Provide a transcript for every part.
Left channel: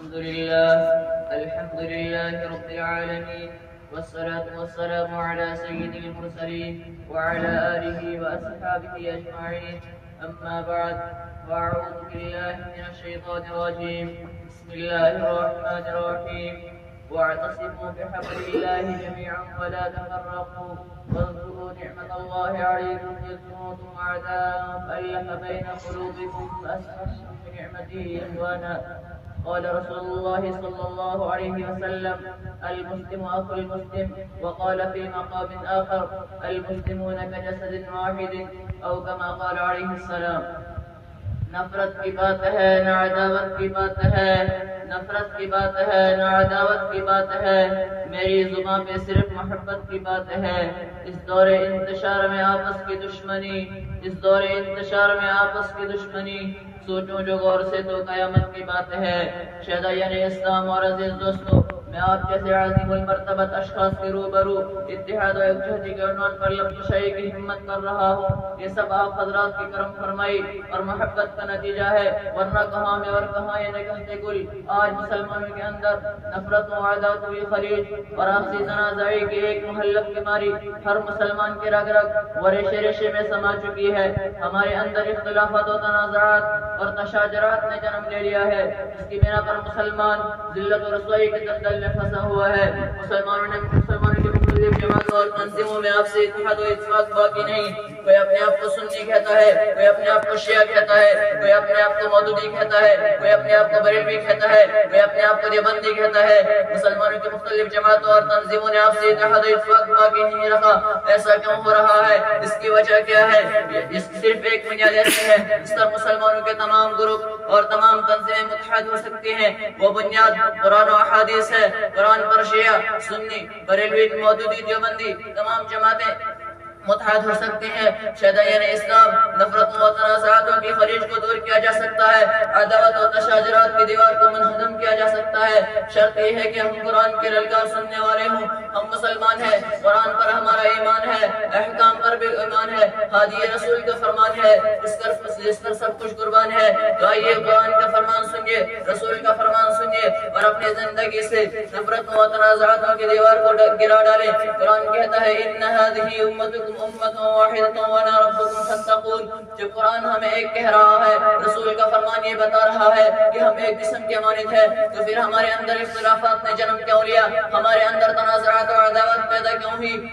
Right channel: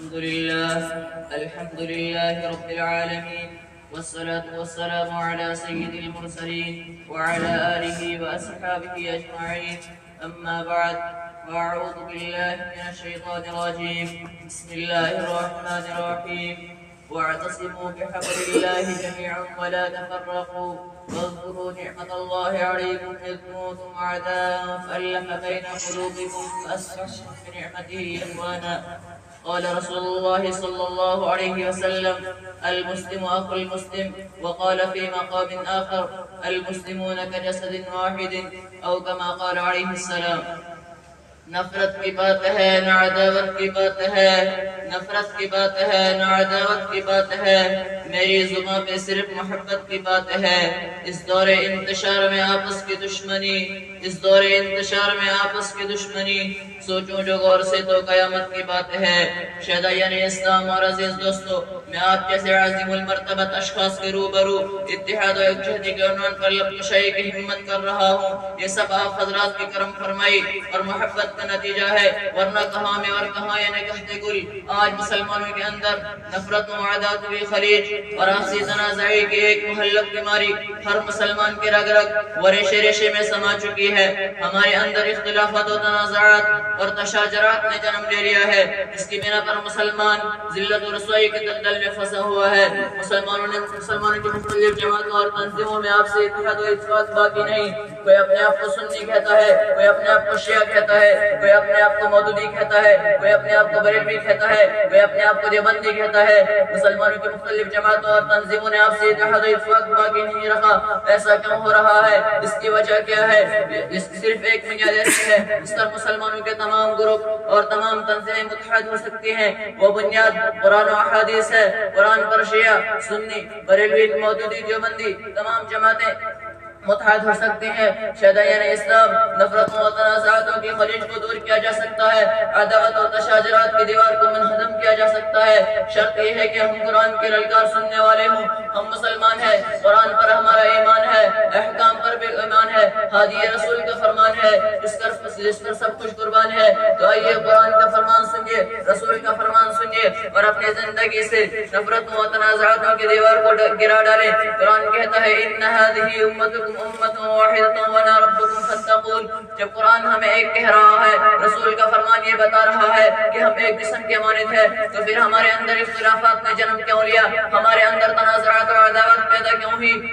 الحمد لله رب العالمين، والصلاة والسلام على سيد المرسلين وعلى آله وأصحابه أجمعين. أما بعد، وأعوذ بالله من الشيطان الرجيم. بسم الله الرحمن الرحيم. واعتصموا بحبل الله جميعا ولا تفرقوا، واذكروا نعمة الله عليكم إذ كنتم أعداء فألف بين قلوبكم فأصبحتم بنعمته إخوانا. قال رسول الله صلى الله عليه وسلم: المسلم أخو المسلم. وقال في مقام آخر: المسلمون كجسد واحد، أو كما قال عليه السلام. نفرت کی بات ہے نہ عداوت کی بات ہے، نفرت کی بات ہے نہ عداوت کی بات ہے، میری زبان پہ صرف محبت کی بات ہے۔ اس دور انتشار میں آپس کی دشمنی، اس دور انتشار میں آپس کی دشمنی سوچوں جو غور سے تو قیامت کی بات ہے۔ شہدائیان اسلام اور عزیز دوستو، میں آپ جیسے عظیم المرتبت اشخاص کے روبرو اتحاد و یکجہتی کے عنوان پر لب کشائی کی ہمت کر رہا ہوں۔ یہ سب آپ حضرات کی کرم فرمائی اور محبت کا نتیجہ ہے، ورنہ کہاں میں اور کہاں یہ نکہتے گل۔ آج مسلمانوں کے اندر نفرت و عداوت کی خلیج اور آپسی تنازعی کی ایک مہلک بیماری ہر مسلمان کے رگ رگ و ریشے ریشے میں سما چکی ہے۔ ہمارے اندر اختلافات و تنازعات اور تشاجرات نے جنم لے لیا ہے، جس کی بنا پر مسلمان ذلت و رسوائی کے دلدل میں پھنسا ہوا ہے۔ مسلمانوں کی مختلف جماعتوں اور تنظیموں میں آپسی اتحاد و اتفاق باقی نہیں۔ کوئی اپنے آپ کو سنی کہتا ہے، کوئی اپنے آپ کو شیعہ کہتا ہے، کوئی اپنے آپ کو مودودی کہتا ہے، کوئی اپنے آپ کو بریلوی کہتا ہے، کوئی اپنے آپ کو دیوبندی کہتا ہے۔ مسلمانوں کی مختلف جماعتوں اور تنظیموں نے آپسی اتحاد و اتفاق باقی نہیں رکھا۔ ایسا کیوں ہو رہا ہے؟ اس کی وجہ کیا ہے؟ اس کی صرف ایک بنیاد ایسی ہے جس پر مسلمانوں کے تمام گروپ اور تمام تنظیمیں متحد ہو سکتی ہیں۔ وہ بنیاد قرآن و احادیث ہے۔ قرآن پر شیعہ، سنی، بریلوی، مودودی، دیوبندی تمام جماعتیں متحد ہو سکتے ہیں۔ شہدائیان اسلام، نفرتوں و تنازعاتوں کی خلیج کو دور کیا جا سکتا ہے، عداوت و تشاجرات کی دیوار کو منہدم کیا جا سکتا ہے۔ شرط یہ ہے کہ ہم قرآن کی للکار سننے والے ہوں۔ ہم مسلمان ہیں، قرآن پر ہمارا ایمان ہے، احکام پر بھی ایمان ہے، ہادی رسول کا فرمان ہے جس پر سب کچھ قربان ہے۔ تو آئیے قرآن کا فرمان سنیے، رسول کا فرمان سنیے اور اپنی زندگی سے نفرتوں و تنازعاتوں کی دیوار کو گرا ڈالیں۔ قرآن کہتا ہے: ان هذه امتكم امة واحدة وانا ربكم فاتقون۔ جب قرآن ہمیں ایک کہہ رہا ہے، رسول کا فرمان یہ بتا رہا ہے کہ ہم ایک جسم کے مانند ہیں، تو پھر ہمارے اندر اختلافات نے جنم کیوں لیا؟ ہمارے اندر تنازعات اور عداوت پیدا کیوں ہوئی؟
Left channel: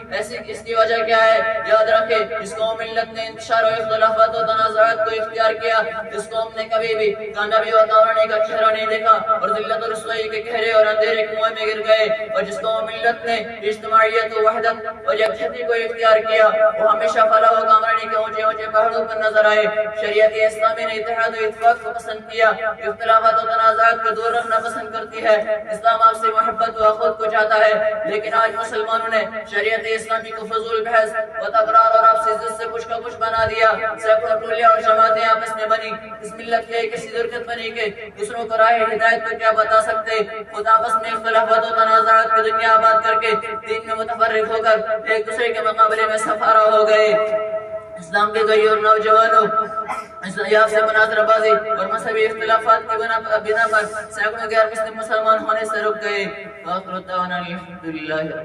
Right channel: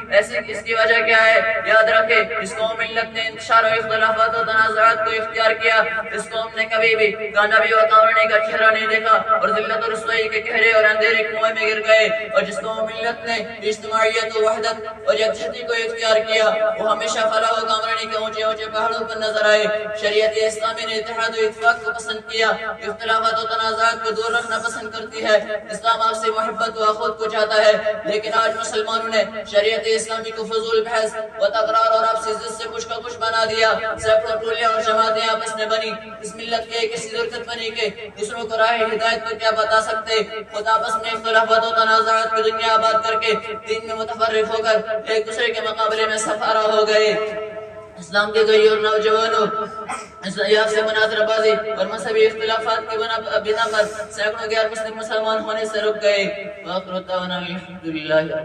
اس کی وجہ کیا ہے؟ یاد رکھیں، جس قوم ملت نے انتشار و اختلافات و تنازعات کو اختیار کیا، اس قوم نے کبھی بھی کامیابی و کامیابی کا چہرہ نہیں دیکھا اور ذلت و رسوائی کے گہرے اور اندھیرے کنویں میں گر گئے۔ اور جس قوم ملت نے اجتماعیت و وحدت اور یکجہتی کو اختیار کیا، وہ ہمیشہ فلاح و کامرانی کے اونچے اونچے پہاڑوں پر نظر آئے۔ شریعت اسلامی نے اتحاد و اتفاق کو پسند کیا، اختلافات و تنازعات کو دور رکھنا پسند کرتی ہے۔ اسلام آپ سے محبت و اخوت کو چاہتا ہے، لیکن آج مسلمانوں نے شریعت اسلامی کو فضول بحث و تکرار اور آپسی ضد سے کچھ کا کچھ بنا دیا۔ سینکڑوں ٹولیاں اور جماعتیں آپس میں بنی، اس ملت کے کسی درکت بنی کہ دوسروں کو راہ ہدایت کو کیا بتا سکتے۔ خود آپس میں اختلافات و تنازعات کی دنیا آباد کر کے دین میں متفرق ہو کر ایک دوسرے کے مقابلے میں سفارہ ہو گئے۔ اسلام کے کئی اور نوجوانوں اسلاف سے مناظرہ بازی اور مذہبی اختلافات کی بنا پر سینکڑوں غیر مسلم مسلمان ہونے سے رک گئے۔ وآخر دعوانا الحمدللہ۔